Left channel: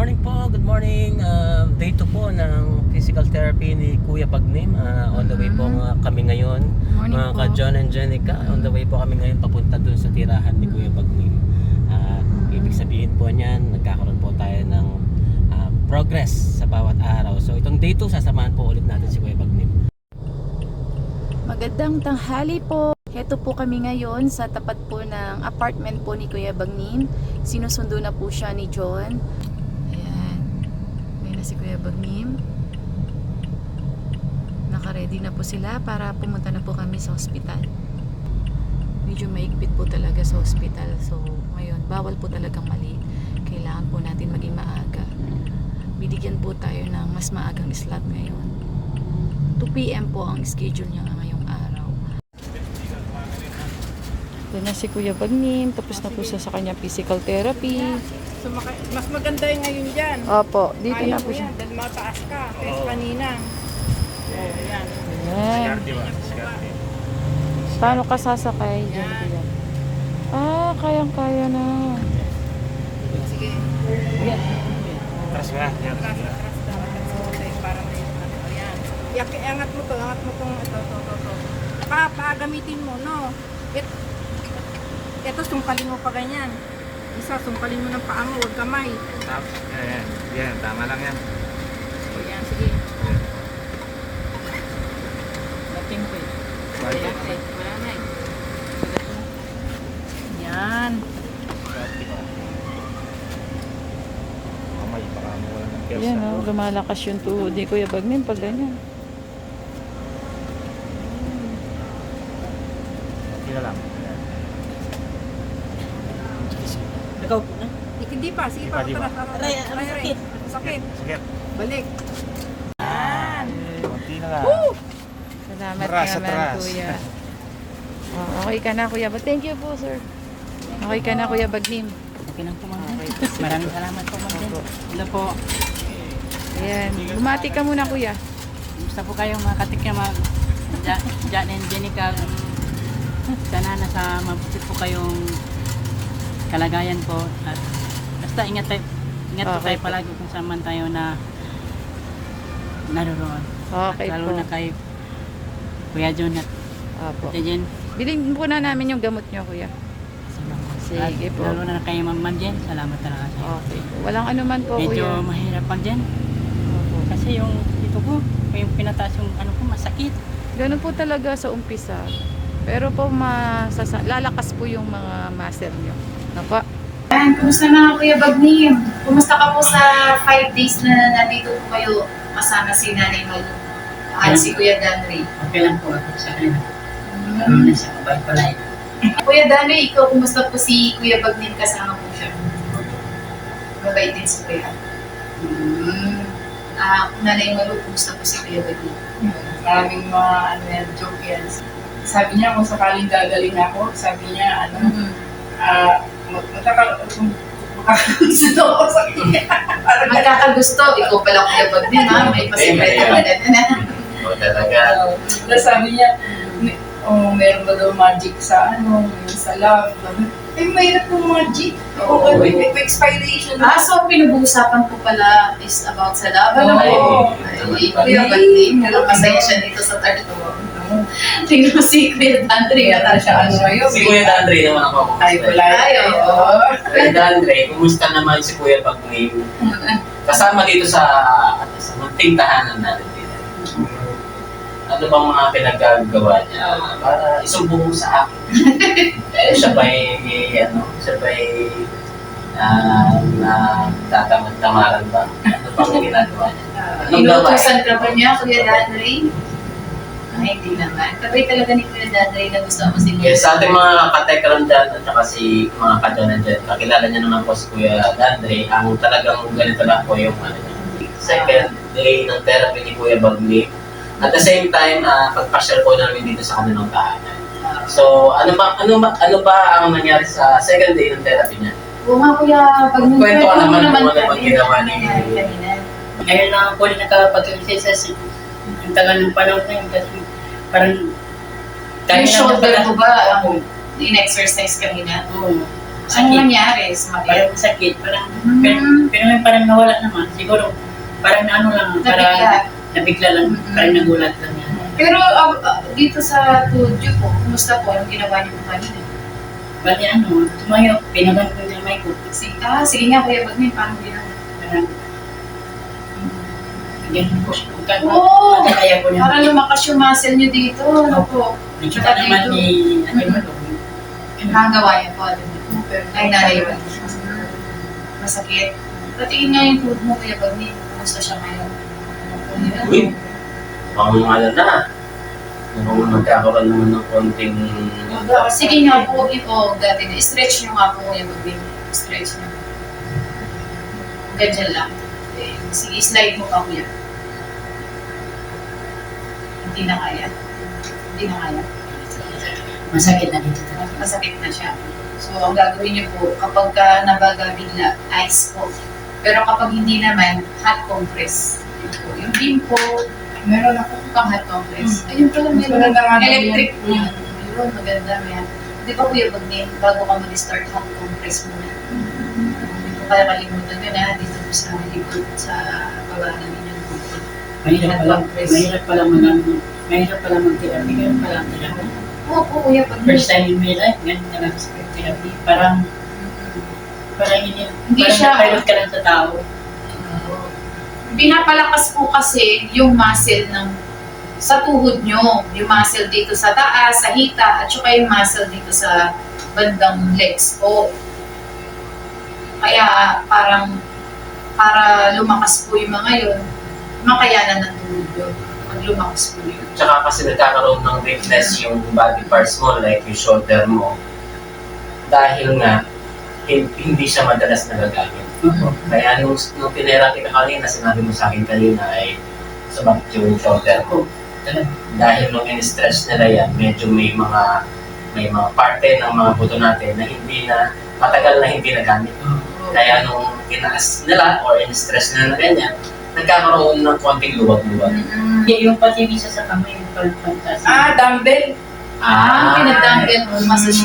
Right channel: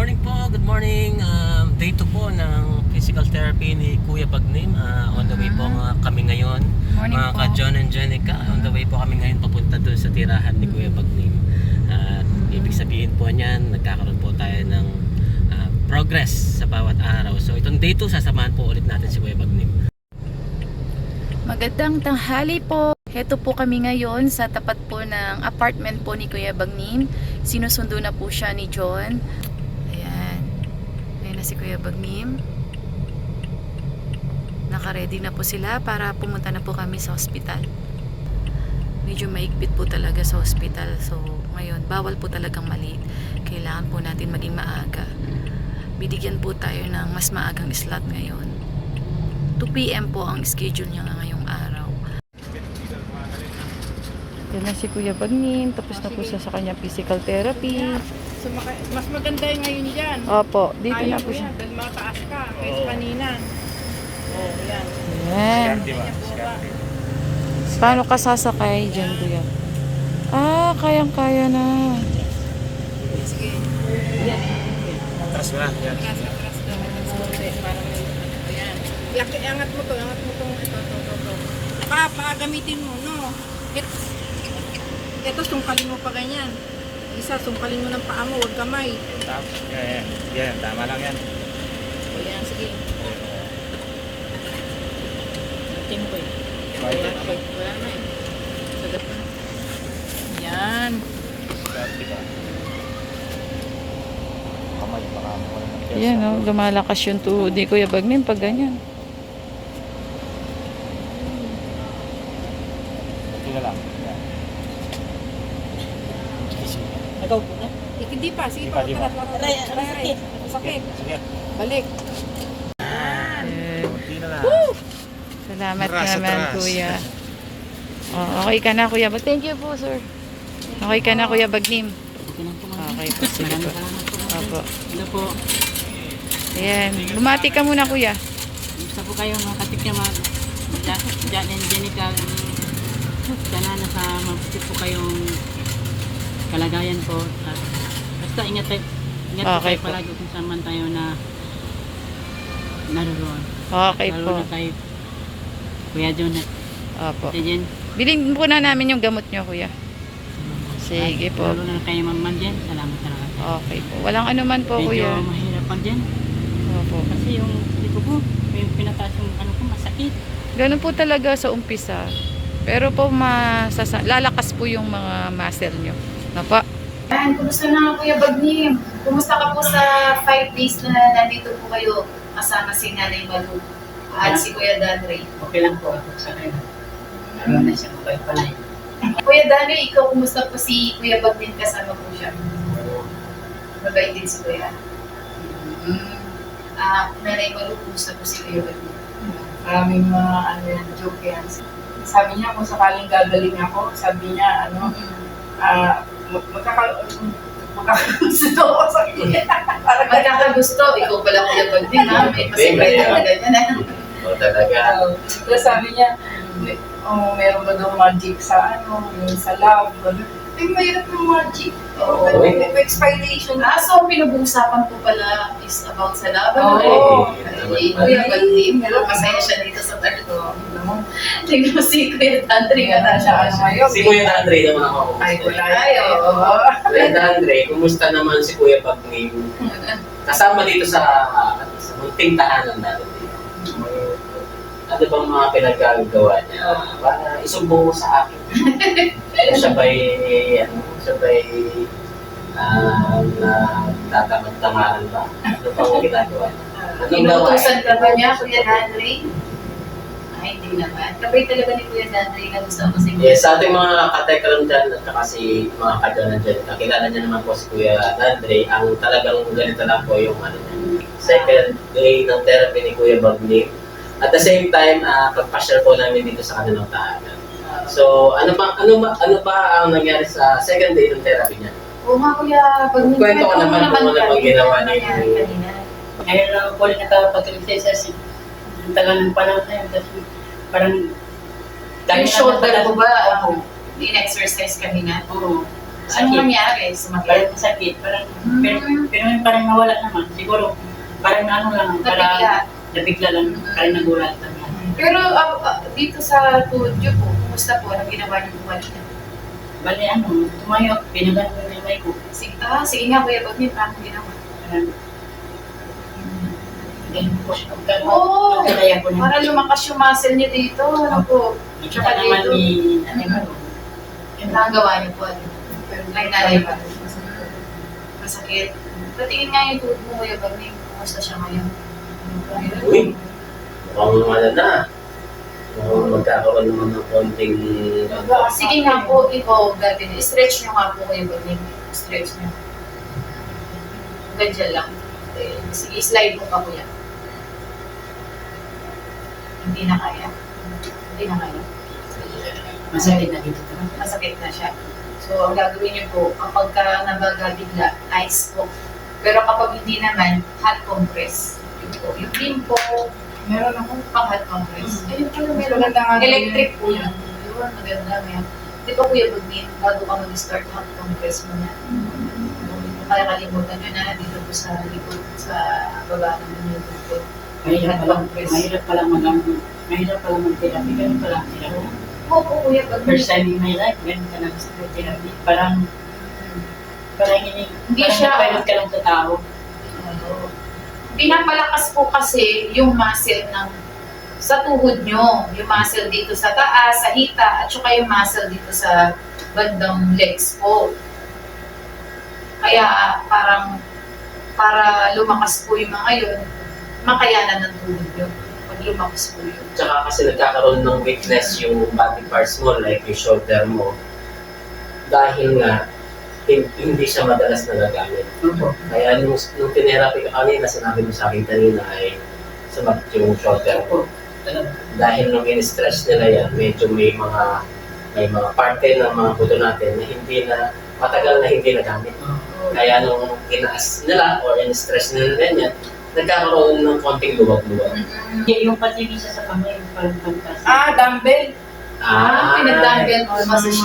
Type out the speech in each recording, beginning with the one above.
morning po, good morning. Day 2 po ng physical therapy ni Kuya Bagnim. On the way po kami ngayon. Morning Mga po. ka-John and Jenica, on the way po kami ngayon papunta doon sa tirahan ni Kuya Bagnim. Ibig sabihin po niyan, nagkakaroon po tayo ng progress sa bawat araw. So itong day 2, sasamahan po ulit natin si Kuya Bagnim. Magandang tanghali po. Heto po kami ngayon sa tapat po ng apartment po ni Kuya Bagnim. Sinusundo na po siya ni John. Ayan. Ayan na si Kuya Bagnim. Naka-ready na po sila para pumunta na po kami sa hospital. Medyo maigpit po talaga sa hospital. So ngayon, bawal po talagang maliit. Kailangan po natin maging maaga. Bibigyan po tayo ng mas maagang slot ngayon. 2 PM po ang schedule niya ngayong araw. Yan na si Kuya Bagnim. Tapos na po siya sa kanyang physical therapy. So, mas maganda yung ngayon dyan. Opo, dito Ayaw na mo po siya. yan, dahil mataas ka kaysa kanina. Oh, yan. Yan. Paano ka sasakay dyan, Kuya? Kayang-kaya na. Sige. Tras nga, yan. Angat mo to, ito. Gamitin mo, no? Ito, sungkalin mo pa ganyan. Isa, sungkalin mo ng paa mo, huwag kamay. Yan, tama lang yan. Ayan, sige. Dating ko eh. Yan. Yan, oh, lumalakas yung tuhod ni Kuya Bagnim pag ganyan. Sige lang. Hindi pa, sige pa. Aray. Sakit. Balik. Yan. Salamat naman, Kuya. Oh, okay ka na, Kuya. But thank you po, sir. Okay ka na, Kuya Bagnim. Okay lang po, Okay po. Maraming salamat po, ma'am. Opo. Ano po? Ayan. Bumati ka muna, Kuya. Gusto po kayo mga katikya Jan and Jenica. Sana nasa mabuti po kayong kalagayan po. At basta ingat po Okay tayo po. palagi kung saan man tayo na naroon. Okay At lalo po. na kay Kuya John at Opo. Ate Jen. Bilhin po na namin yung gamot nyo, Kuya. Sige At po. lalo na kay Ma'am Jen. Salamat talaga. Okay po. Walang anuman po, Medyo Kuya. mahirap pag Jen. Opo. Kasi yung dito ko, yung pinataas yung ano ko, masakit. Ganun po talaga sa umpisa. Pero po lalakas po yung mga muscle nyo. Napa. Yan, kumusta na Kuya Bagnim? Kumusta ka po sa 5 days na nandito po kayo kasama si Nanay Malu at si Kuya Danre? Okay lang po ako sa kanila. Lalo na siya, mabait pala eh. Kuya Danre, ikaw kumusta po si Kuya Bagnim kasama po siya? Mabait din si Kuya. Nanay Malu, kumusta po si Kuya Bagnim? Maraming mga joke yan. Sabi niya kung sakaling gagaling ako, sabi niya makakagusto ako sa kanya. Magkakagusto, ikaw pala Kuya Bagnim ha? May pasikreto na ganyan na. Talaga. Tapos sabi niya, meron ba daw magic sa yung sa love. Ay, mayroon ng magic. Okay, may expiration. So ang pinag-uusapan po pala is about sa laban. Oo. Ay, Kuya Bagnim, pero masaya siya dito sa Tarto. Tingnan mo si Kuya Danre. Kaya siya ngayon. Si Kuya Dandre naman ako. Ay, wala. Ay, oo. Kuya Dandre, kumusta naman si Kuya Bagnim? Kasama dito sa munting tahanan natin dito. Ano bang mga pinagagawa niya para isumbong mo sa akin? Siya ba'y natatamad-tamaran ba? Ano bang ginagawa niya? Inutusan ka ba niya, Kuya Danre? Ay, hindi naman. Kabay talaga ni Kuya Danre na gusto mo si Kuya. Yes, sa ating mga katekram dyan at saka si mga kadyonan dyan, kakilala niya naman po si Kuya Dandre. Ang talagang ganito lang po yung second day ng therapy ni Kuya Bagnim. At the same time, pagpasyal po namin dito sa kanilang tahanan. So, ano ba ang nangyari sa second day ng therapy niya? Oo nga, Kuya Bagnim. Kwento ka naman kung ano kami. bang ginawa niya. Kanina. Ngayon lang ako nakapag-exercise sa ang tagal ng panahon na yun. Kasi parang Yung shoulder ko ba, Oo. in-exercise kanina? Oo. Sakit. nangyari? Sumakit? Parang sakit, parang, Hmm. pero may parang nawala naman. Siguro, parang ano lang, Nabigla. parang nabigla lang, Mm. parang nagulat lang yan. Pero dito sa tuhod niyo po, kumusta po? Anong ginawa niyo po kanina? Bali ano, tumayo, pinagan ko yung may ko. Sige nga Kuya Bagnim, paano ginawa? Parang, ganyan ko. Oo! Kaya ko na. Para lumakas yung muscle niyo dito. Ano po? Nakita naman dito. ni, ano Mm. mo, Nagawa niyo po. Pero Ay, nanay mo. Masakit. Patingin nga yung tuhod mo Kuya Bagnim. Kumusta siya ngayon? Uy, pang ano na. Mukhang magkakaroon naman ng konting... Sige nga po, dati na. Stretch nyo nga po Kuya Bagnim. Stretch nyo. Ganyan lang. Sige, slide mo pa Kuya. Hindi na kaya. Hindi na kaya. masakit na dito talaga. Masakit na siya. So, ang gagawin niyo po, kapag ka nabaga bigla, ice po. Pero kapag hindi naman, hot compress. Yun po. Yung beam po, meron ako. pang hot compress. Ayun pala, meron Maganda nga daw electric yun. po yun. Yun, maganda. May, di ba Kuya Bagnim, bago ka mag-start hot compress muna. Hindi ko kaya kalimutan yun ha, dito po sa likod, sa baba ng inyong bukod. Mahirap pala, Compress. mahirap pala mag-therapy, ganun pala ang therapy. Oo po Kuya Bagnim. First time in my life, ganun talaga sa therapy. Parang Hindi parang siya- napilot ka lang sa tao. Pinapalakas po kasi yung muscle ng sa tuhod nyo, yung muscle dito sa taas, sa hita, at saka yung muscle dito sa bandang legs po. Kaya parang para lumakas po yung mga yun, makayanan ng tuhod nyo. Pag lumakas po yun. Tsaka kasi nagkakaroon ng weakness yung body parts mo, like yung shoulder mo. Dahil nga, hindi siya madalas nagagamit. Opo. Kaya nung tinerapi ka kanina, sinabi mo sa akin kanina ay sumakit yung shoulder ko. Talaga. Dahil nung in-stretch nila yan, medyo may mga parte ng mga buto natin na hindi na, matagal na hindi nagamit. Kaya nung tinaas nila or in-stretch nila na ganyan, nagkakaroon ng konting luwag-luwag. Hindi, yung pati yung isa sa kamay, yung parang pantas. Dumbbell. Pinag-dumbbell mo, massage.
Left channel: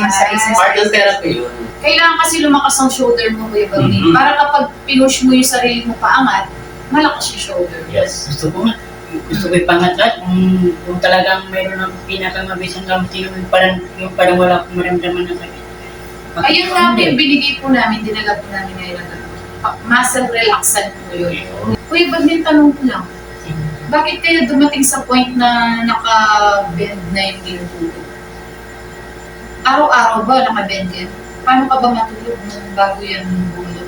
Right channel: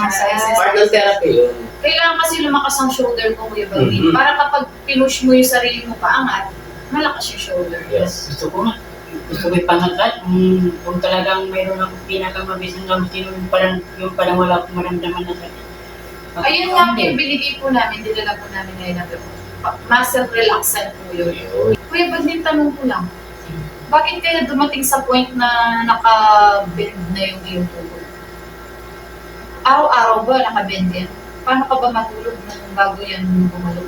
Part ng therapy yun. Kailangan kasi lumakas ang shoulder mo, Kuya Bagnim. Mhm. Para kapag pinush mo yung sarili mo paangat, malakas yung shoulder. Yes. Gusto ko nga. Gusto ko ipangat lahat. Kung talagang mayroon ako pinakamabisang gamot, yung parang wala akong maramdaman na sakit. Ayun nga po yung binigay po namin, dinala po namin ngayon na muscle relaxant po yun. Kuya Bagnim, tanong ko lang, bakit kaya dumating sa point na naka-bend na yung iyong tuhod? Araw-araw ba naka-bend yan? Paano ka ba matulog nung bago yan bumalot?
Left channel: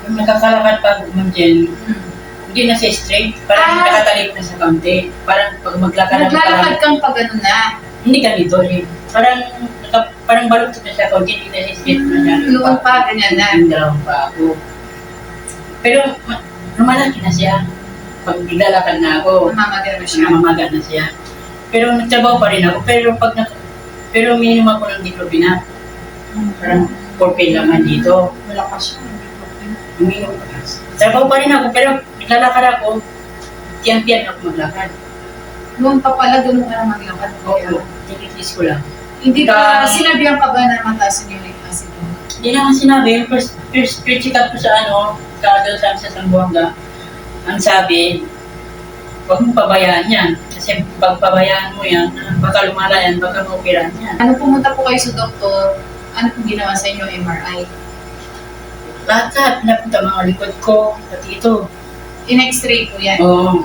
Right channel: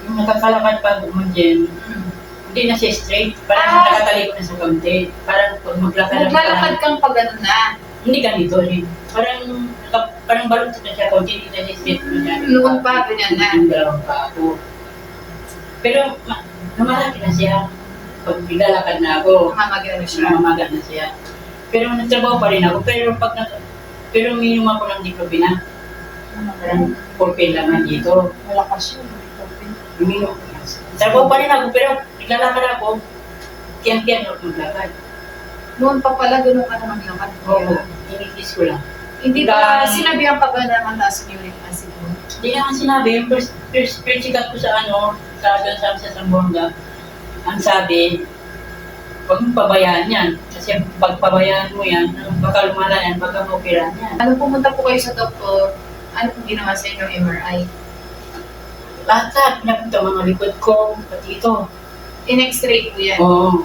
Kung nakakalakad pa ako man dyan, hindi na siya straight. Parang nakatalik na sa kaunti. Parang pag maglakad ako, Naglalakad parang kang pa ganun na. hindi ganito rin. Parang balot na siya, kaunti hindi na siya straight masyado. Noon pa, ganyan na. Yung dalawang pa ako. Pero lumalaki na siya. Pag naglalakad na ako, Namamaga na siya. namamaga na siya. Pero nagtrabaho pa rin ako. Pero minum ako ng diclofenac. Parang 4 pill lang man dito. Malakas yun. Uminom. Trabaho pa rin ako, pero naglalakad ako. Tiyan-tiyan ako maglakad. Noon pa pala, ganun ka na maglakad. Oo, Kaya, tinikis ko lang. hindi ba, Hanggang- sinabihan ka ba na mataas yung uric acid mo? Hindi naman sinabi, yung first check up ko sa doon sa Zamboanga, ang sabi, huwag mong pabayaan yan. Kasi pag pabayaan mo yan, baka lumala yan, baka maoperahan yan. Ano pumunta po kayo sa doktor, ano pong ginawa sa inyo MRI? Lahat-lahat, pinapunta mga likod ko, pati ito. In-x-ray po yan. Oo.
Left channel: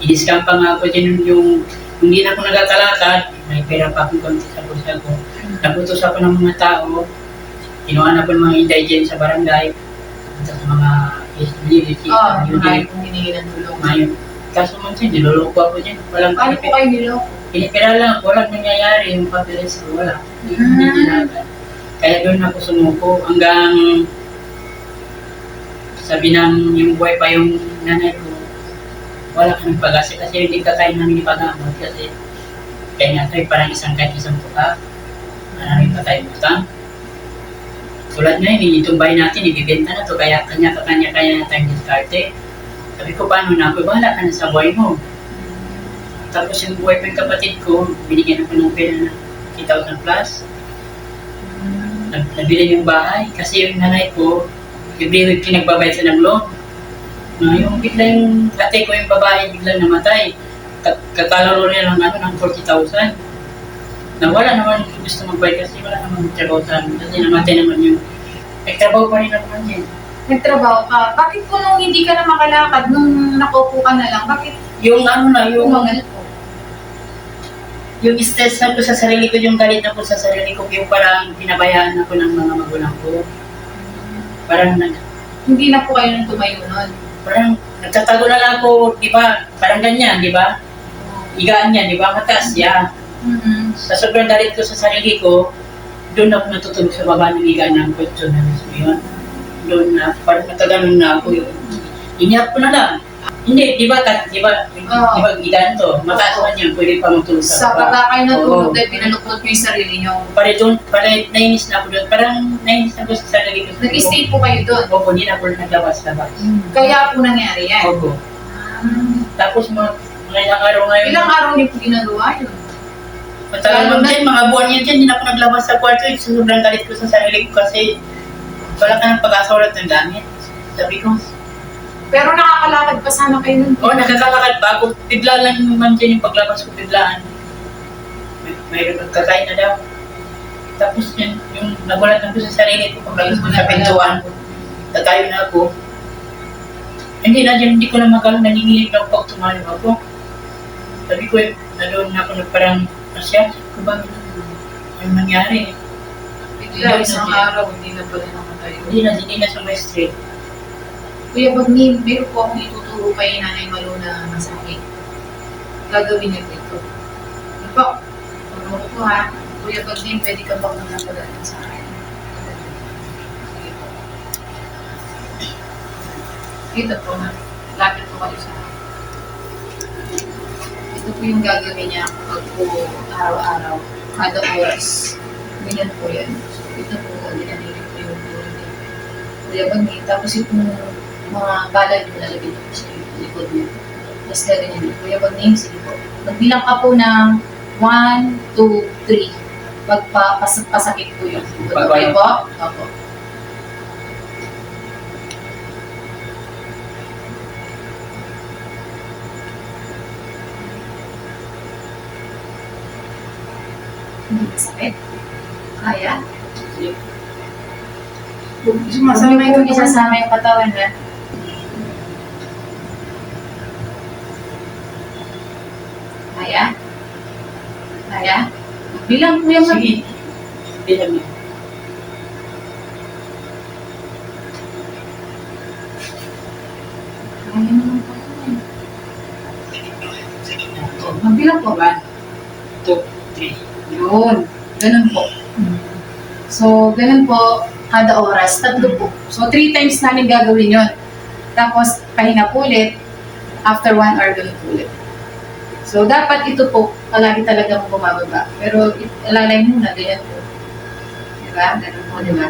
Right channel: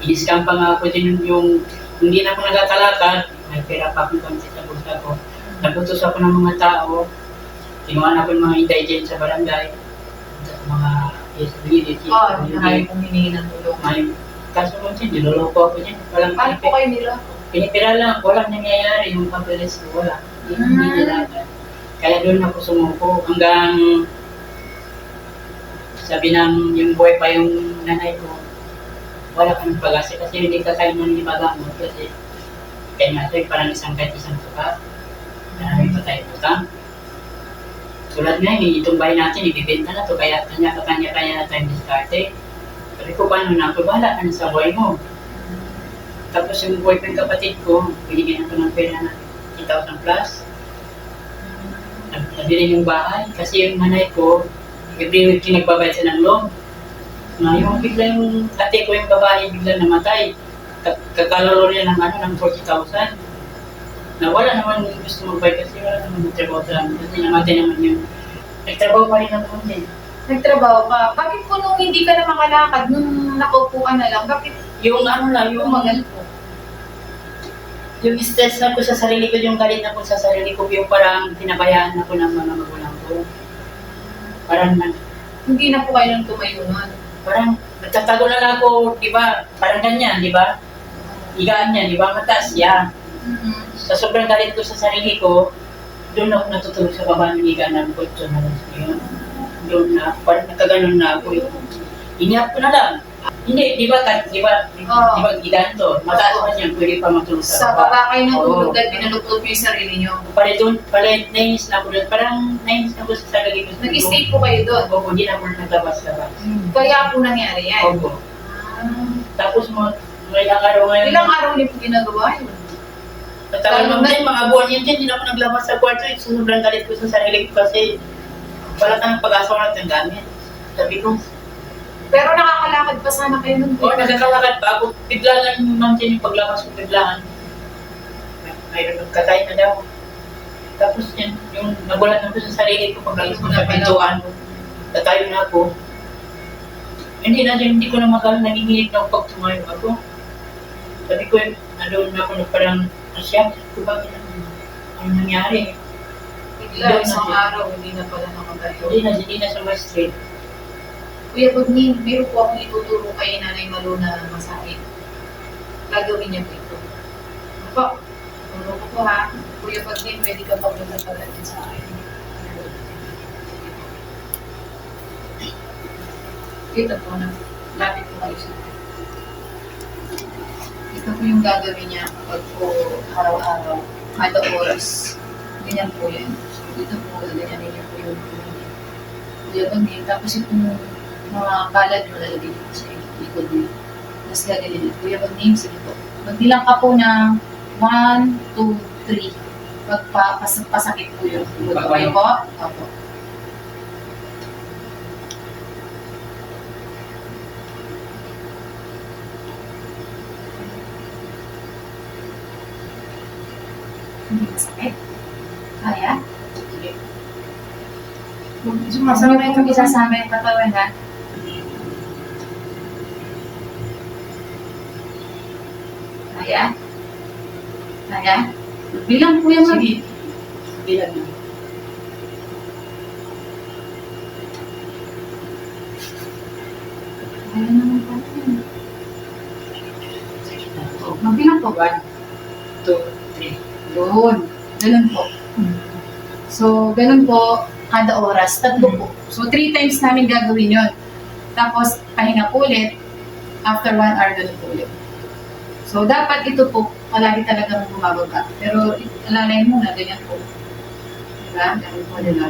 Iniskan pa nga ako dyan yung hindi na ako nakakalakad, may pera pa akong konti sa bulsa ko. Naputos ako ng mga tao, kinuha na ako ng mga indigent sa barangay, sa mga PSWD, Marami pong hiningi ng tulong. Ngayon, kaso man siya, niloloko ako dyan. Walang Paano po kayo niloko? pinipira lang, walang nangyayari, yung papeles ko, wala. Hindi Hmm. dinagan. Kaya doon ako sumuko hanggang sabi ng yung buhay pa yung nanay ko, wala kang pag-asa kasi hindi kakain namin ipagamot kasi kaya nga ito parang isang kahit isang tuka, maraming patay butang. Tulad na yun, itong bahay natin, ibibenta na to kaya kanya-kanya kaya tayong diskarte. Sabi ko, paano na ako? Bahala ka na sa buhay mo. Tapos yung buhay pa yung kapatid ko, binigyan ako ng pera na 3,000 plus. nabili yung bahay kasi yung nanay ko, every week nagbabayad siya ng loan. No, yung bigla yung ate ko yung babae biglang namatay. Kakalaro niya ng ng 40,000. Nawala naman yung gusto magbayad kasi wala naman trabaho sa amin. Kasi namatay naman yung nagtrabaho pa rin naman yan. Nagtrabaho ka. Bakit po nung hindi ka na makalakad, nung nakaupo ka na lang, bakit Yung yung umagal po? yung stress na ko sa sarili ko, yung galit na ko sa sarili ko, yung parang pinabayaan ako ng mga magulang ko. Parang Hindi na po kayo nang tumayo nun. parang nagtatago na lang ako, di ba? Parang ganyan, di ba? Higaan yan, di ba? Mataas yan. Mm-hmm. Sa sobrang galit ko sa sarili ko, doon ako natutulog sa baba ng higaan ng kotso na yun. Doon na, parang nagkaganon na ako yun. Inihap ko na lang. Hindi, di ba, di ba, higaan to, mataas man yan, pwede pa matulog Sa sa baba kayo natulog Oo. dahil pinaluktot nyo yung sarili nyo. Nainis na ako doon. Parang nainis na ako sa sarili ko. Nag-stay po kayo doon. Opo, di na ako naglabas-labas. Kaya po nangyari yan. Opo. Tapos mga ilang araw ngayon. Ilang araw niyo po ginagawa yun? Matagal naman din, mga buwan yan dyan, hindi na ako naglabas sa kwarto. Sa sobrang galit ko sa sarili ko kasi wala ka ng pag-asa, wala kang gamit. Sabi ko, Pero nakakalakad pa sana kayo nun. nagkakalakad pa ako. Bigla lang yung ma'am dyan yung paglabas ko, biglaan. Mayroon magkakain na daw. Tapos yan, yung nagulat na ko sa sarili ko, paglabas ko sa pintuan, tatayo na ako. Hindi na dyan, hindi ko na nanginginig na pag tumayo ako. Sabi ko, doon na ako parang nasya. Sabi ko, bakit ano nangyari? Bigla isang araw, hindi na pala nakatayo. Hindi na sa my street. Kuya Bagni, meron po akong ituturo kay Nanay Malu na masahe. Gagawin niya po ito. Ano po? Turo ko po ha. Kuya Bagni, pwede ka bang magpapagalan sa akin? Sige po. Ito po na. Lapit po kayo sa akin. Ito po yung gagawin niya pag po araw-araw, kada oras. Ganyan po yan. So, ito po, ganyan niyo po yung turo niya. Kuya Bagni, tapos yung mga palad mo lalagyan mo sa likod mo. Tapos gagawin niyo. Kuya Bagni, sige po. Magbilang ka po ng 1, 2, 3. Pasakit po yun. Okay po? Opo. Hindi masakit? Kaya? Sumasama yung isasama yung katawan ha. Kaya? Kaya? Bilang po yung Sige. Bilang na. Kaya naman pala yan. Magbilang po ba? 2, 3. Yun. Ganun po. So, ganun po, kada oras, 3 po. So, 3 times namin gagawin yun. Tapos, pahinga po ulit, after 1 hour, ganun po ulit. So, dapat ito po, palagi talagang bumababa. Pero, alalay muna, ganyan po. Diba? Ganun po, diba?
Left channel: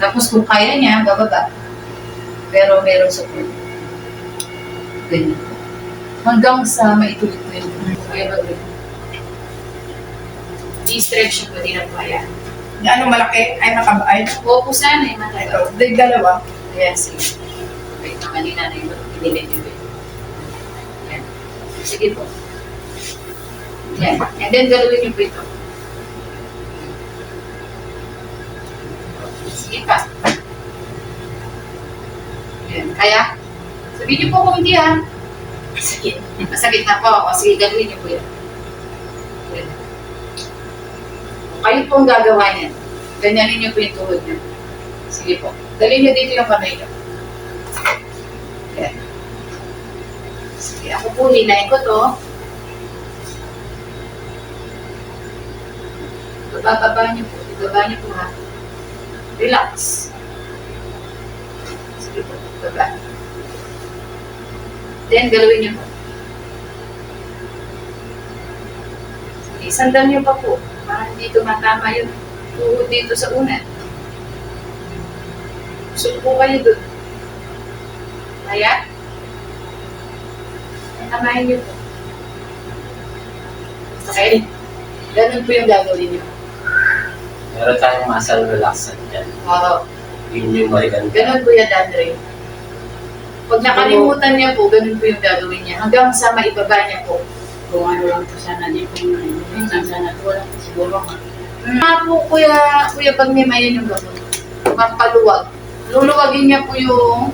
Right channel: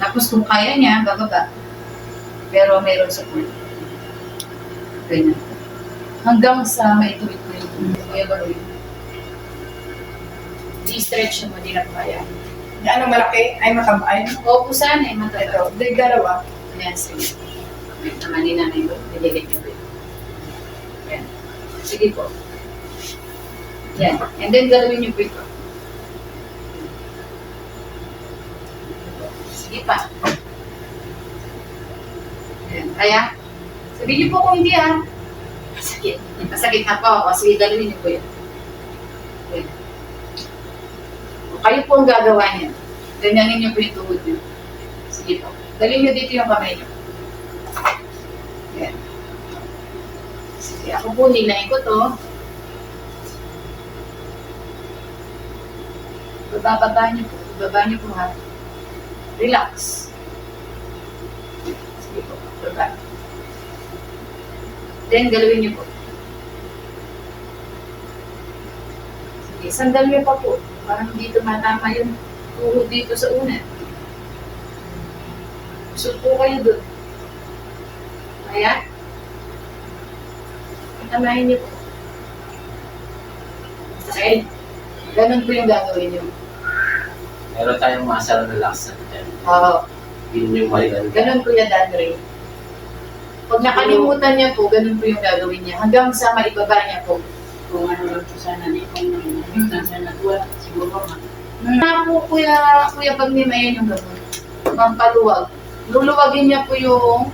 Tapos, kung kaya niya, bababa. Pero, meron support. Ganyan po. Hanggang sa maituloy po yun. Kaya bagay. I-stretch mo, di na po kaya. Ano malaki? Ay makabay. Opo sana, eh, matataw. Ito, day dalawa. Ayan, sige. Wait naman ni nanay ko. Pinilit yung wait. Ayan. Sige po. Yan. And then, gawin niyo po ito. Sige pa. Ayan. Kaya? Sabihin niyo po kung hindi ha. Masakit. Masakit na po. O, sige, gawin niyo po yan. Ayan. Kayo po ang gagawa niyan. Ganyanin niyo po yung tuhod niyo. Sige po. Dalhin niyo dito yung kamay niyo. Ayan. Sige, ako po, hinahin ko to. Bababa niyo po. Ibaba niyo po ha. Relax. Sige po, baba. Then, galawin niyo po. Sige, sandal niyo pa po. Parang hindi tumatama yung tuhod dito sa una. Gusto po kayo doon. Kaya? Tamahin niyo po. Okay? Ganun po yung gagawin niyo. Meron tayong muscle relaxant dyan. Oo. Yun yung maganda. Ganun po yan, Danre. Pag nakalimutan niya po, ganun po yung gagawin niya. Hanggang sa maibaba niya po. Kung ano lang to sana, di kung minsan sana, wala siguro nga. Po, Kuya Bagnim, ayan yung gamot. Pampaluwag. Luluwagin niya po yung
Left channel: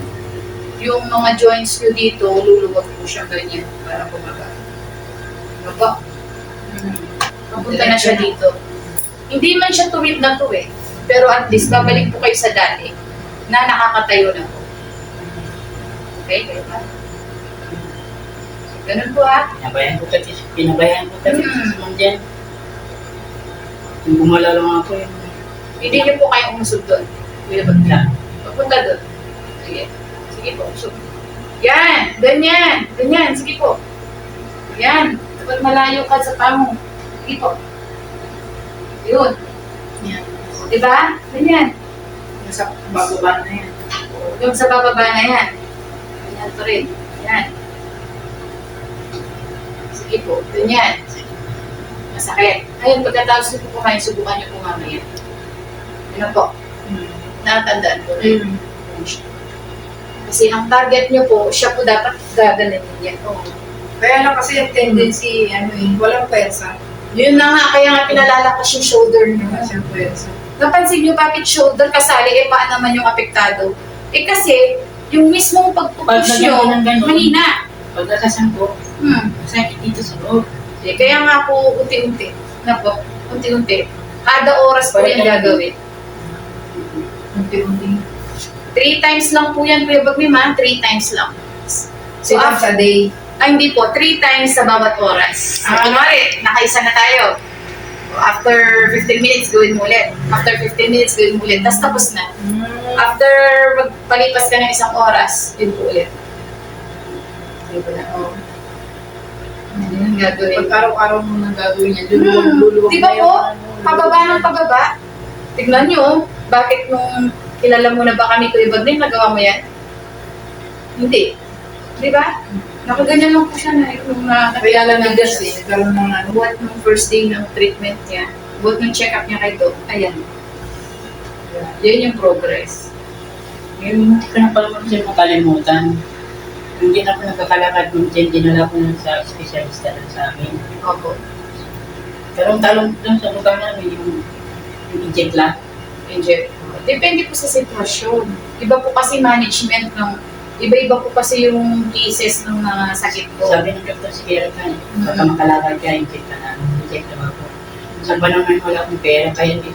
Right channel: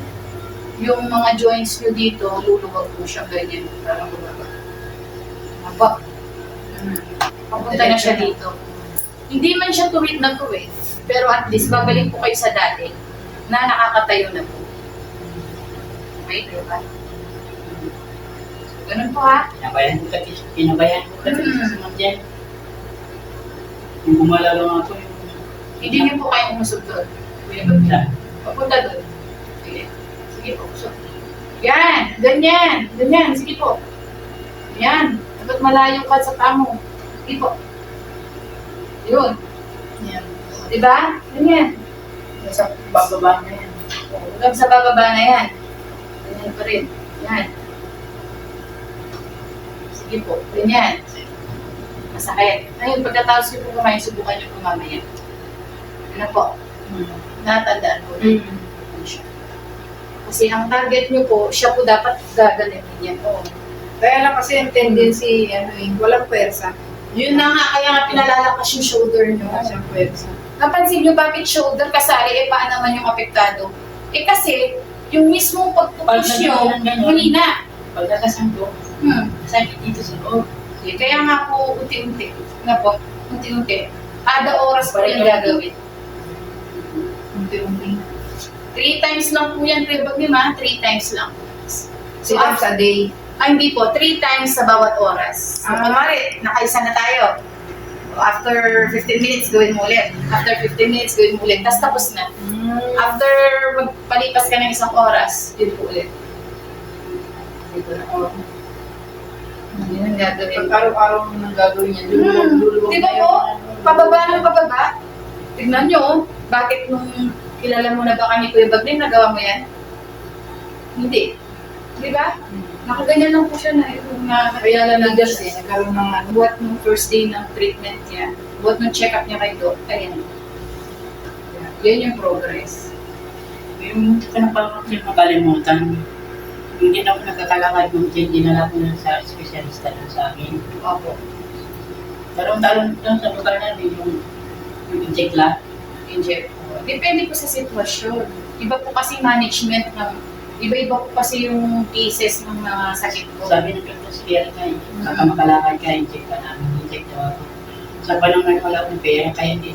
mga joints niyo dito, luluwag po siya ganyan para bumaba. Baba. Papunta na siya dito. Hindi man siya tuwid na to eh. Pero at least babalik po kayo sa dati na nakakatayo na po. Okay, kayo ba? So, ganun po ha. Pinabayan ko kasi sa mga dyan. Yung gumala lang ako yun. Hindi niyo po kayo umusog doon. Kuya Bagnim. Papunta doon. Sige. Sige po, usog. Yan! Ganyan! Ganyan! Sige po. Yan! Dapat malayo ka sa paa mo. Sige po. Yun. Yan. Diba? Ganyan. Nasa bababa na yan. Hanggang sa bababa na yan. Ganyan to rin. Yan. Sige po. Ganyan. Masakit. Ngayon, pagkatapos niyo po kumain, subukan niyo po mamaya. Ano po? Natandaan po. Kasi ang target niyo po, siya po dapat gaganin niya. Kaya lang kasi yung tendency, walang pwersa. Yun na nga, kaya nga pinalalakas yung shoulder niyo. Wala siyang pwersa. Napansin niyo bakit shoulder kasali, paan naman yung apektado? Kasi, yung mismong pagpupush niyo, mahina. Pagkakasan ko, masakit dito sa loob. Kaya nga po, unti-unti. Na po, unti-unti. Kada oras po yan gagawin. Unti-unti. 3 times lang po yan, Kuya Bagnim, 3 times lang. So, Times a day. hindi po, 3 times sa bawat oras. So, kunwari, nakaisa na tayo. After 15 minutes, gawin mo ulit. After 15 minutes, gawin mo ulit. Tapos tapos na. After magpalipas ka ng isang oras, yun po ulit. Yun ang gagawin. Pag araw-araw mo nang gagawin yan, luluwag Di ba po? Pababa ng pababa. Tignan nyo, bakit nung kilala mo na ba kami, Kuya Bagnim, nagawa mo yan? Hindi. Di ba? Nakaganyan lang po siya na nung nakakilala ng Bigas eh, nagkaroon ng buhat nung first day ng treatment niya, buhat nung check-up niya kay Doc, ayan. Yan yung progress. Yung hindi ko na pala siya makalimutan. Hindi na ako nagkakalakad kung dinala ko na sa espesyalista na sa amin. Opo. Talong-talong lang sa lugar namin yung inject lang. Inject. Depende po sa sitwasyon. Iba po kasi management ng, iba-iba po kasi yung cases ng mga sakit ko. Sabi ng doktor si Erika, baka makalakad ka, inject ka na. Inject daw ako. Sa panahon ngayon wala akong pera, kaya hindi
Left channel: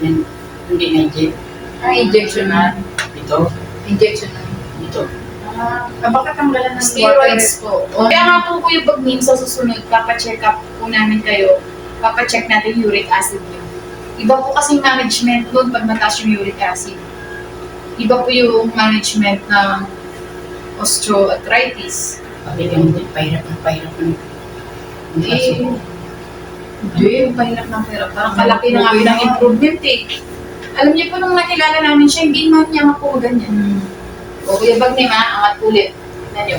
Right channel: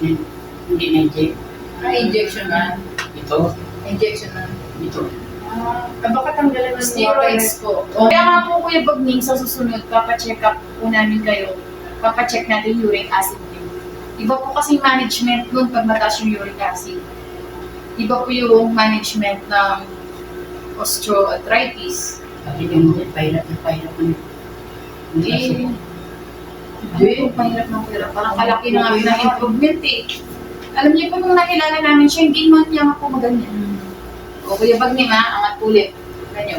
na-inject. injection na. Ito, Injection na. ito. Baka tanggalan ng Steroids po. Kaya nga po, Kuya Bagnim, sa susunod, papacheck up po namin kayo. Papacheck natin uric acid niyo. Iba po kasi management nun pag mataas yung uric acid. Iba po yung management ng osteoarthritis. Bakit yung pahirap ng Hindi. Hindi. Pahirap ng pera. Parang kalaki na nga ng improvement eh. Alam niyo po nung nakilala namin siya, hindi man niya po maganyan. O Kuya Bagnim angat ulit. Tignan niyo.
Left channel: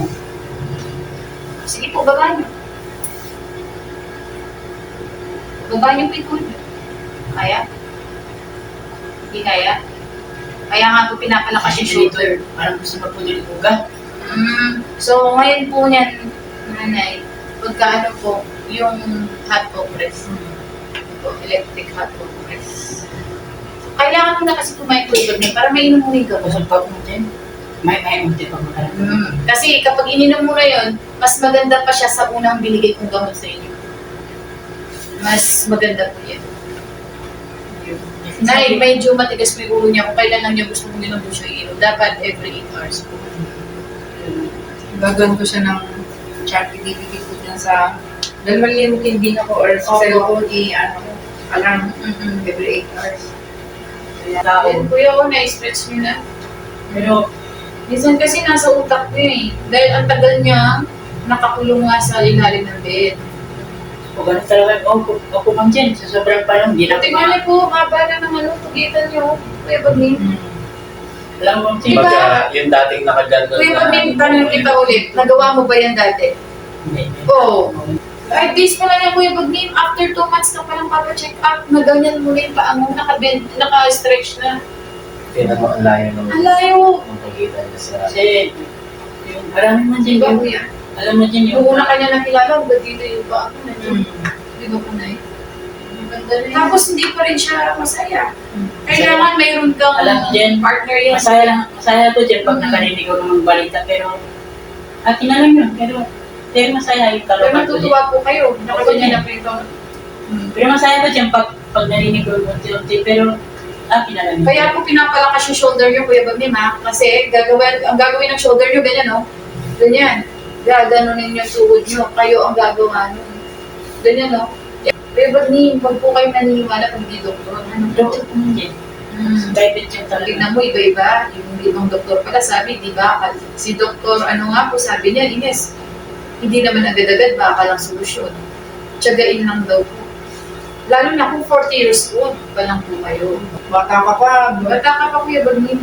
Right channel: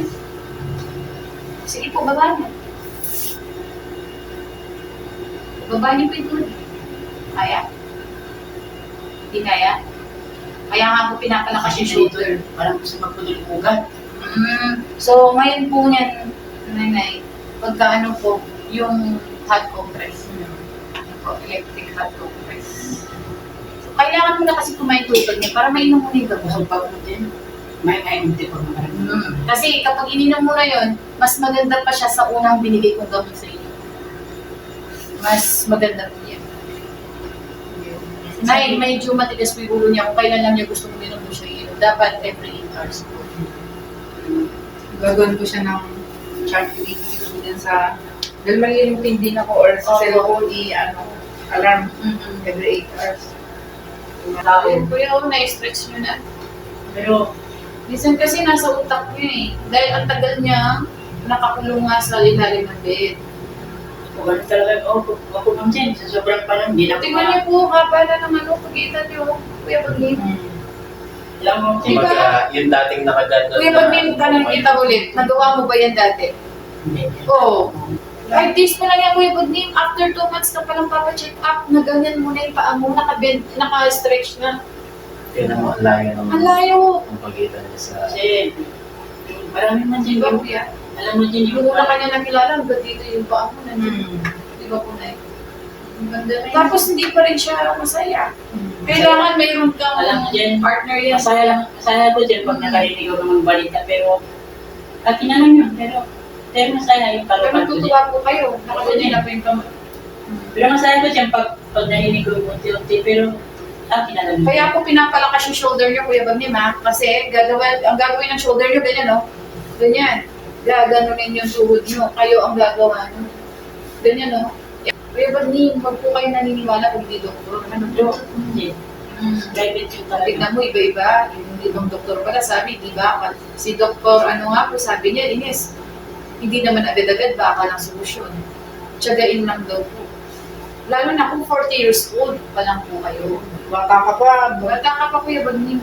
Sige po, baba niyo. Baba niyo po ito. Kaya? Hindi kaya? Kaya nga po pinapalakas yung shoulder. Parang gusto magpudul yung ugat. So, ngayon po niyan, nanay, pagka ano po, yung hot compress. Ano po, electric hot compress. So, kailangan mo na kasi kumain tulad niya para mainom mo na yung gamot. Kusog pa po din. May unti pa magkaroon. Kasi kapag ininom mo na yun, mas maganda pa siya sa unang binigay kong gamot sa inyo. Mas maganda po yan. Nay, medyo matigas po yung ulo niya. Kung kailan lang niya gusto kong inom po siya inom. Dapat every 8 hours po. Gagawin ko siya ng chart, ibibigay ko dyan sa dalawang din ako or sa Opo. cellphone, alarm every 8 hours. Ayun, kuya ko, na-stretch niyo na. Pero, Minsan kasi nasa utak niya eh. Dahil ang tagal niya, nakakulong nga sa ilalim ng bed. kung gano'n talaga, ako lang dyan, sa sobrang panahon, hindi na ako Tingnan niyo po, haba na ng ano, tugitan niyo. Kuya Bagnim. Alam mo, Diba? Kumbaga, yung dating nakaganda Kuya Bagnim, tanong kita ulit. Nagawa mo ba yan dati? Hindi. Oo. 5 days pa lang yan, Kuya Bagnim. After 2 months ka palang papacheck up, na ganyan mo na yung paa mo, naka-stretch na. Tingnan mo, ang layo naman. Ang layo. Ang pagitan niya sa... Kasi, yung marami man dyan, Diba, yung, Kuya? alam mo dyan yung... Yung una kanya nakilala, ba't dito yung paa ko nandiyan? Di ba po, Nay? Tapos hindi pa rin siya masaya. Kailangan mayroon kang Alam mo dyan, partner yan. masaya ko dyan pag nakarinig ako ng balita, pero akin na lang yun, pero masaya yung Pero kalokan ko dyan. natutuwa po kayo. Nakaganyan na po yung Pero masaya ko dyan pag narinig ko unti-unti, pero akin na lang yun. Kaya po pinapalakas yung shoulder nyo, Kuya Bagnim, ha? Kasi ang gagawin ng shoulder nyo, ganyan, no? Ganyan. Gaganunin yung tuhod nyo. Kayo ang gagawa nyo. Ganyan, no? Kuya Bagnim, wag po kayo naniniwala pag hindi doktor. Ano po? Hindi. Private yung talaga. Tignan mo, iba-iba. Yung ibang doktor pala sabi, di ba? Si doktor, ano nga po, sabi niya, Ines, hindi naman agad-agad, baka lang solusyon. Tiyagain lang daw po. Lalo na kung 40 years old pa lang po kayo. Bata ka pa. Bata ka pa, Kuya Bagnim.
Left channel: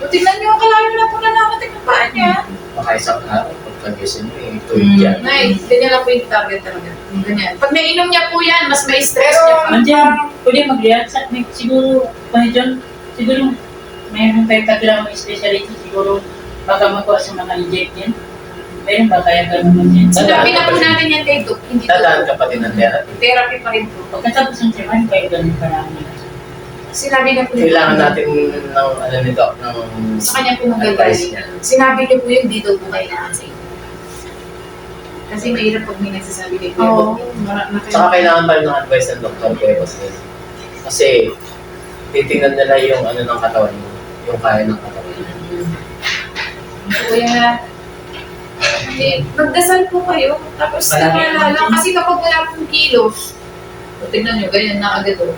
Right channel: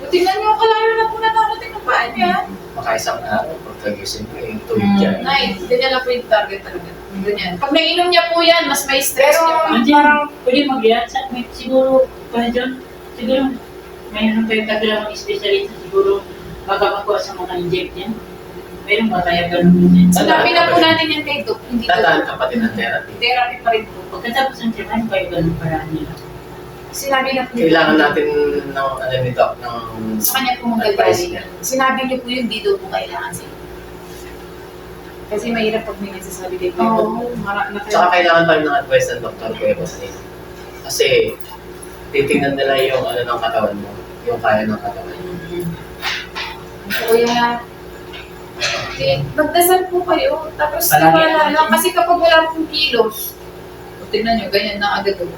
O tingnan niyo, kalayo na po na nakatik na paa niya. Baka isang araw, pagkagising mo, tuwid yan. Nay, ganyan lang po yung target talaga. Ganyan. Pag nainom niya po yan, mas may stress Pero, niya pa. Andiyan, pwede mag-react sa siguro, John, siguro mayroon tayong taglawang specialist, siguro baka makuha sa mga inject yan. Mayroon ba kaya gano'n mo dyan? Sinabi na po natin yan kay Doc, hindi Dadaan Doc. ka pa din ng therapy. Therapy pa rin po. Pagkatapos ng treatment, kaya gano'n parang Sinabi na po ni Kailangan Doc. natin ng, ano nito, ng... Sa kanya po magagaling. Sinabi niyo po yun, dito po kailangan sa inyo. Kasi mahirap pag may nagsasabi kay Kuya Oo. Doc. Saka kailangan pa rin ng advice ng doktor ko kasi titingnan nila yung ano ng katawan mo, yung kaya ng katawan mo. Kuya, magdasal po kayo. Tapos Palagi tiwala lang. naman. Kasi kapag wala pong kilos, o tignan nyo, ganyan na agad o.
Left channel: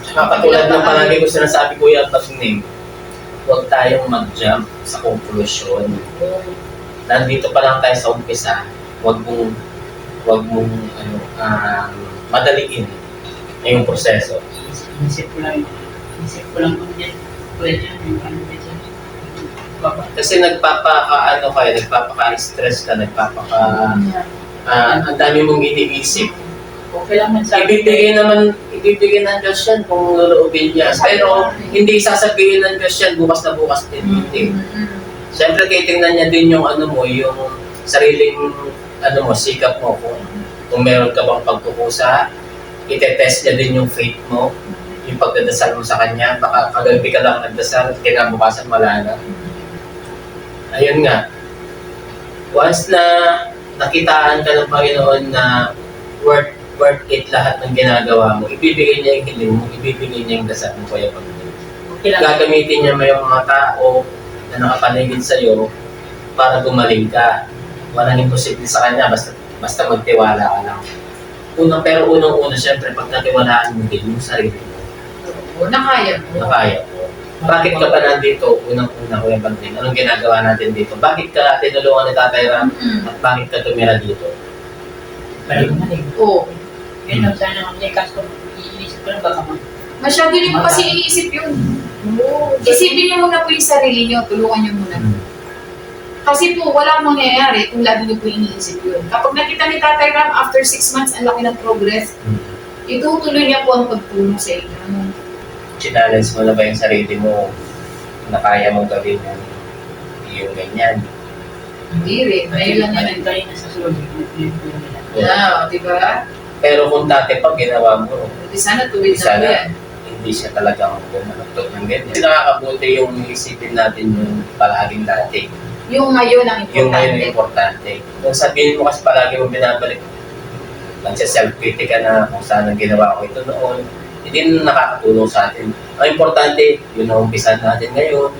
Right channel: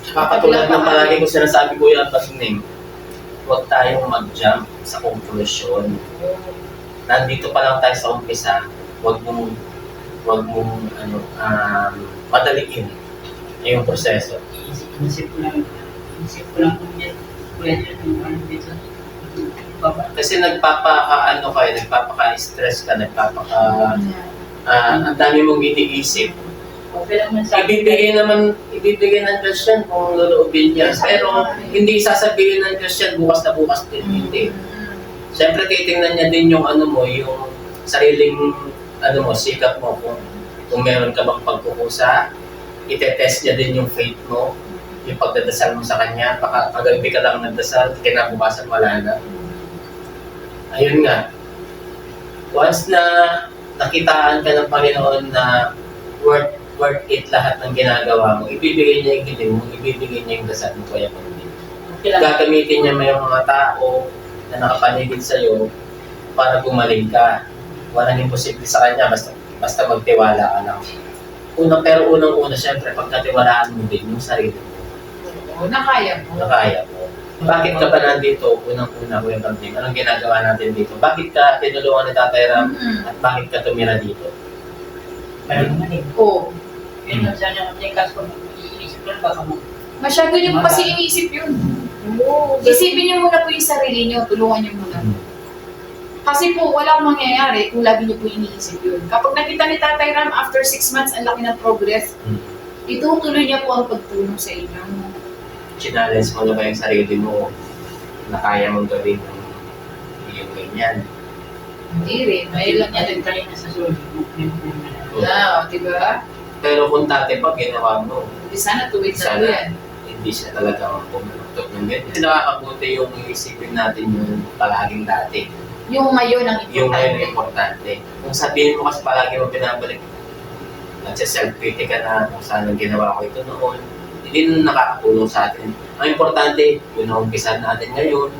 Saka katulad ng palagi ko sinasabi Kuya Bagnim, huwag tayong mag-jump sa conclusion. Nandito pa lang tayo sa umpisa, huwag mong madaliin yung proseso. Inisip ko lang kung dyan, pwede yung ano dyan. Baba. Kasi nagpapaka-stress ka, ang dami mong iniisip. Okay lang man sa Ibibigay ng Diyos yan kung loloobin niya. Pero hindi sasabihin ng Diyos yan bukas na bukas din. Hindi. Siyempre, titingnan niya din yung ano mo, yung sariling ano mo, sikap mo. Kung meron ka bang pagkukusa, itetest niya din yung faith mo, yung pagdadasal mo sa Kanya. Baka kagabi ka lang nagdasal, kinabukasan wala na. Ayun nga. Once na nakitaan ka ng Panginoon na worth it lahat ng ginagawa mo, ibibigay niya yung hiling mo, ibibigay niya yung dasal mo, Kuya Bagnim. Okay lang. Gagamitin niya may mga tao na nakapaligid sa'yo para gumaling ka. Walang imposible sa Kanya, basta magtiwala ka lang. Unang-una, syempre, pag natiwalaan mo din yung sarili mo, Oo, nakaya mo. na kaya mo. Bakit ka ba nandito? Unang-una, Kuya Bagnim, anong ginagawa natin dito? Bakit ka tinulungan ni Tatay Ram at bakit ka tumira dito? Parang mali. Oo. Yun lang sana kung kaso iisip ko lang baka Masyado niyo po kasi iniisip yun. Oo. Isipin niyo muna po yung sarili niyo, tulungan niyo muna. Kasi po, walang mangyayari kung lagi niyo po iniisip yun. Kapag nakita ni Tatay Ram, after 6 months, ang laki ng progress, itutuloy niya po ang pagtulong sa inyo. Challenge mo na ba yung sarili mo na kaya mong gawin yung ganyan? Hindi rin. May lang yan. tayo na sa sulit. Di ba? Pero kung dati pa ginawa mo, Sana tuwid na po Sana. yan. hindi siya talagang bumaluktot ng ganyan. Kasi nakakabuti yung isipin natin yung palaging dati. Yung ngayon ang Yung ngayon importante. yung importante. Kung sabihin mo kasi palagi mo binabalik, nagsa-self-critic ka na kung saan ang ginawa ko ito noon, hindi na nakakatulong sa atin. Ang importante, yun ang umpisan natin ngayon,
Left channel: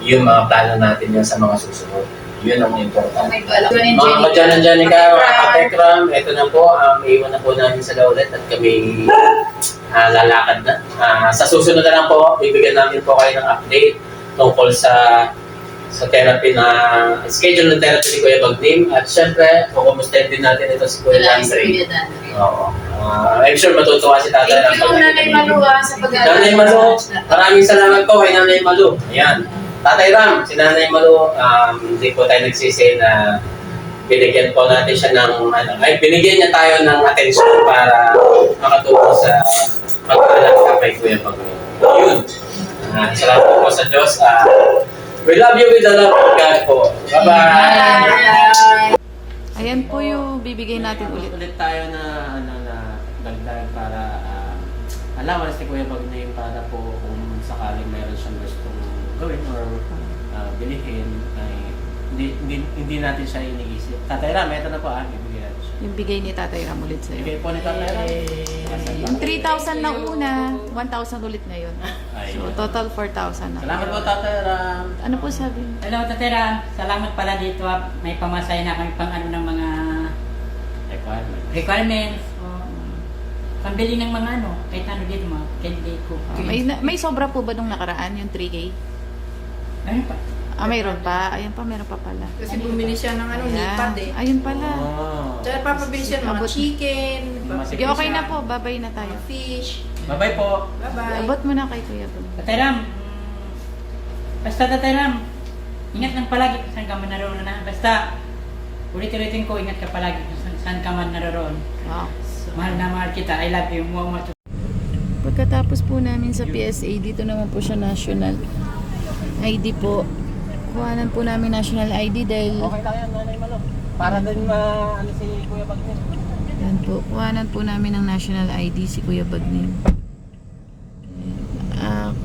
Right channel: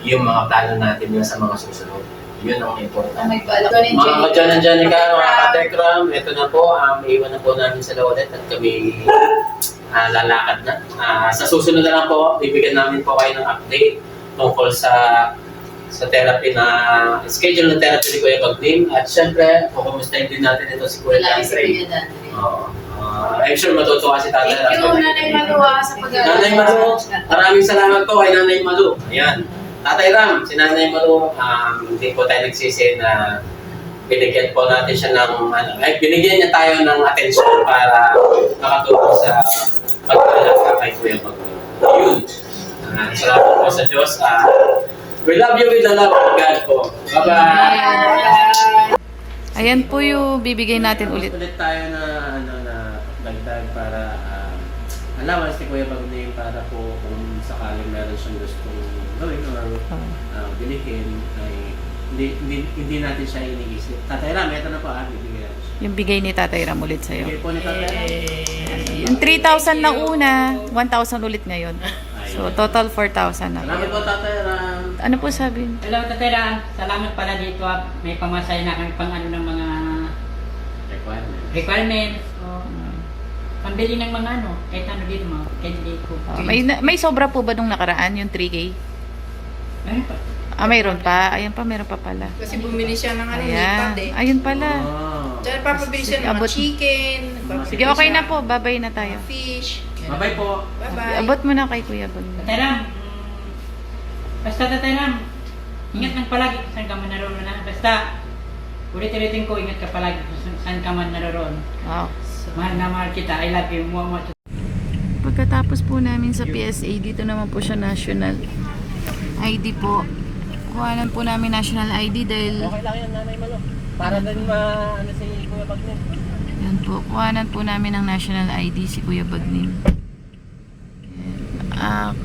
yung mga plano natin yan sa mga susunod. Yun ang importante. May balak. Mga kadyan-dyan ka, mga katekram, ito na po, iwan na po namin sa laulet at kami lalakad na. Sa susunod na lang po, bibigyan namin po kayo ng update tungkol sa therapy na schedule ng therapy ni Kuya Bagnim. At syempre, kukumustahin din natin ito si Kuya Wala si Andre. Kuya Dandre. Oo. I'm sure matutuwa si Tatay. Thank you, Nanay Maluwa, sa pag-aaral. Nanay Malu, maraming salamat po kay Nanay Malu. Ayan. Tatay Ram, si Nanay Malu, hindi po tayo nagsisi na binigyan po natin siya ng, binigyan niya tayo ng atensyon para makatulong sa pag-alaga kay Kuya Bagnio. Yun. Salamat po sa Diyos. We love you with the love of God po. Bye-bye! Ayan po yung bibigay natin ulit. Ulit tayo na bagdag para alaman si Kuya Bagnio para po kung sakaling meron siyang gustong gawin or bilihin ay hindi natin siya iniisip. Tatay Ram, ito na po bibigyan natin siya. Yung bigay ni Tatay Ram ulit sa'yo. Bigay po na Tatay Ram. Yung 3,000 na una, 1,000 ulit ngayon. So, total 4,000 na. Salamat po Tatay Ram. Ano po sabi? Hello, Tatera. Salamat pala dito. May pamasay na kami pang ano ng mga requirements. O, pambili ng mga ano. Kahit ano dito, mga candidate ko. May sobra po ba nung nakaraan, yung 3K? Ano pa? Mayroon pa. Ayan pa, meron pa pala. Kasi bumili siya ng ano, Ayan. lipad eh. Ayun pala. Tsaka papabili siya ng mga Abot. chicken, Sige, okay na po. Babay na tayo. fish. Bye-bye po. Bye-bye. Abot mo na kay Kuya Bun. Tateram, basta Tateram, ingat lang palagi kung saan ka man naroon na. Basta, ulit-ulitin ko, ingat ka palagi kung saan ka man naroon. Wow. Mahal na mahal kita. I love you. Mua. Pagkatapos po namin sa PSA, dito naman po siya national ID po. Kuhanan po namin national ID dahil Okay lang yan, Nanay Malo. Para din ano si Kuya Bagnio. yan po, kuhanan po namin ng national ID si Kuya Bagnim.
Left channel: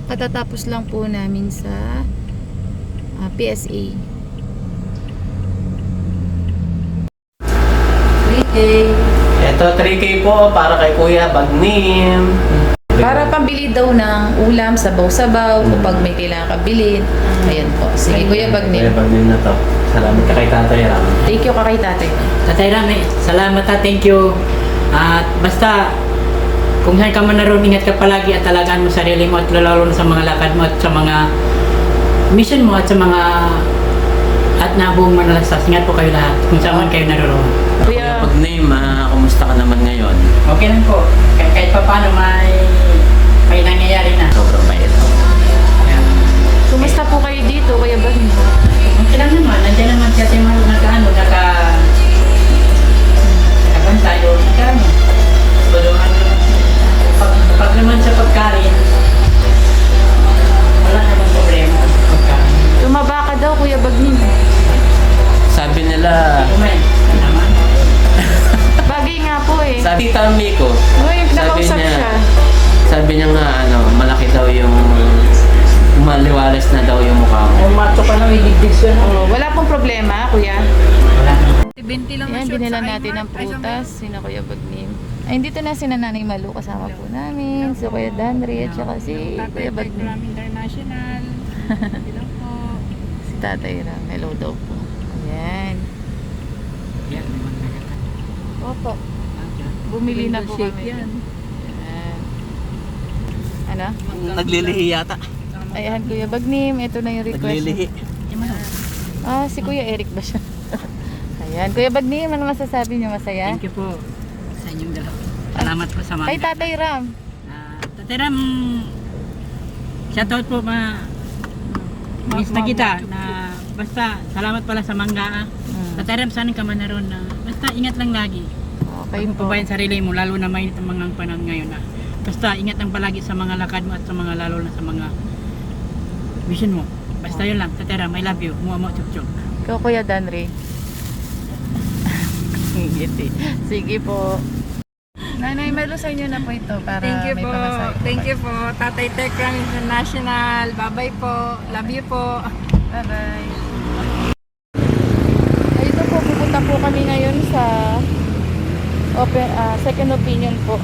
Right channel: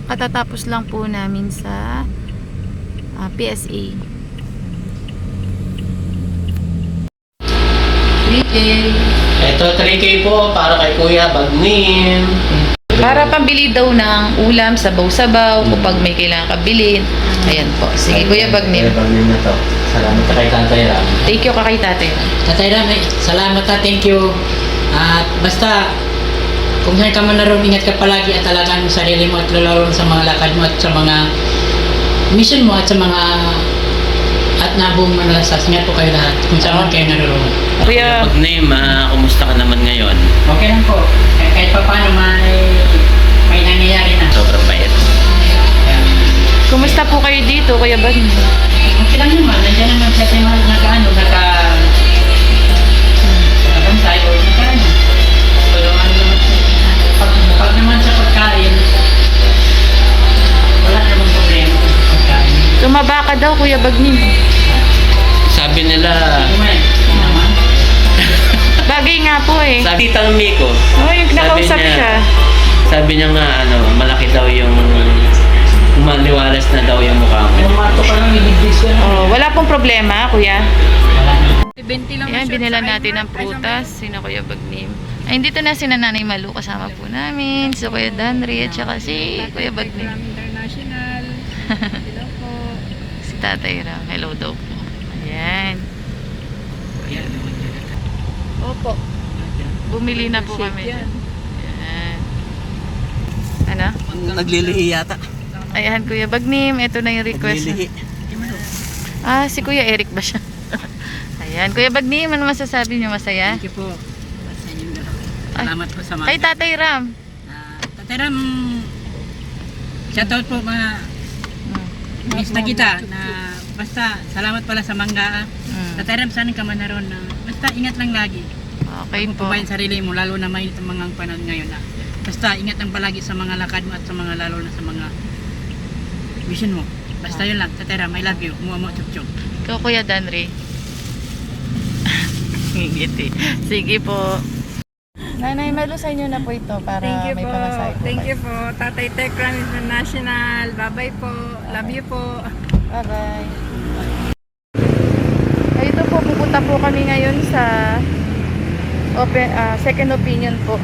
Katatapos lang po namin sa PSA. 3K. Ito 3K po para kay Kuya Bagnim. Para pambili daw ng ulam, sabaw-sabaw, kapag may kailangan kabilin. Ayan po. Sige, Kuya Bagnim. Kuya Bagnim na to. Salamat ka kay Tatay Ram. Thank you ka kay tatay. Tateram, salamat ha. Thank you. At basta, kung saan ka man naroon, ingat ka palagi at alagaan mo sarili mo at lalo sa mga lakad mo at sa mga mission mo at sa mga at nabuong manalasas. Ingat po kayo lahat kung saan man kayo naroon. Kuya, Bagnim, kumusta ka naman ngayon? Okay lang po. Kahit pa paano may nangyayari na. Sobrang bait. Kaya, kumusta po kayo dito, Kuya Bagnim? okay lang naman. Nandiyan naman siya nakagantay o nakaano. Pag naman sa pagkain, wala naman problema sa pagkain. Tumaba ka daw, Kuya Bagnim. Sabi nila, Kumain, naman. Bagay nga po eh. sabi Tita Miko, Oh, yung nakausap Sabi niya, siya. sabi niya nga, malaki daw yung, maliwalas na daw yung mukha mo. Umato ka lang, ibigdig ko na. Oh, wala pong problema, Kuya. Wala naman. 20 lang Ayan, siya binilan sa natin kanya. ng prutas. Sino Kuya Bagnim? Ay, dito na si Nanay Malu. Kasama po namin. Si Kuya Danry at saka si Kuya Bagnim. International. Hello po. Si Tatay Ram. Hello daw po. Ayan. Opo. Bumili na po kami. Ayan. Ano? Naglilihi yata. Ayan, Kuya Bagnim. Ito na yung request. Si Kuya Eric ba siya? Ayan. Kuya Bagnim, ano masasabi niyo? Masaya? Thank you po sa inyong dalawa. Salamat po sa mga. Kay Tatay Ram. Tateram, shoutout po mga miss na kita na basta salamat pala sa mangga. Tateram, saan ka man naroon na basta ingat lang lagi. Okay Kung po. pabayan sarili mo, lalo na may mga panahon ngayon na basta ingat lang palagi sa mga lakad mo at sa mga lalo na sa mga vision mo. Basta yun lang, Tateram, I love you. Mua mo, chup chup. Ikaw, Kuya Danry. Ngiti. Sige po. Nanay Malu, sa inyo na po ito para Thank you may po. pamasahe po. Thank you po. Tatay Tekran International. Bye-bye po. Love you po. Bye-bye. Ito po, pupunta po kami ngayon sa second opinion po.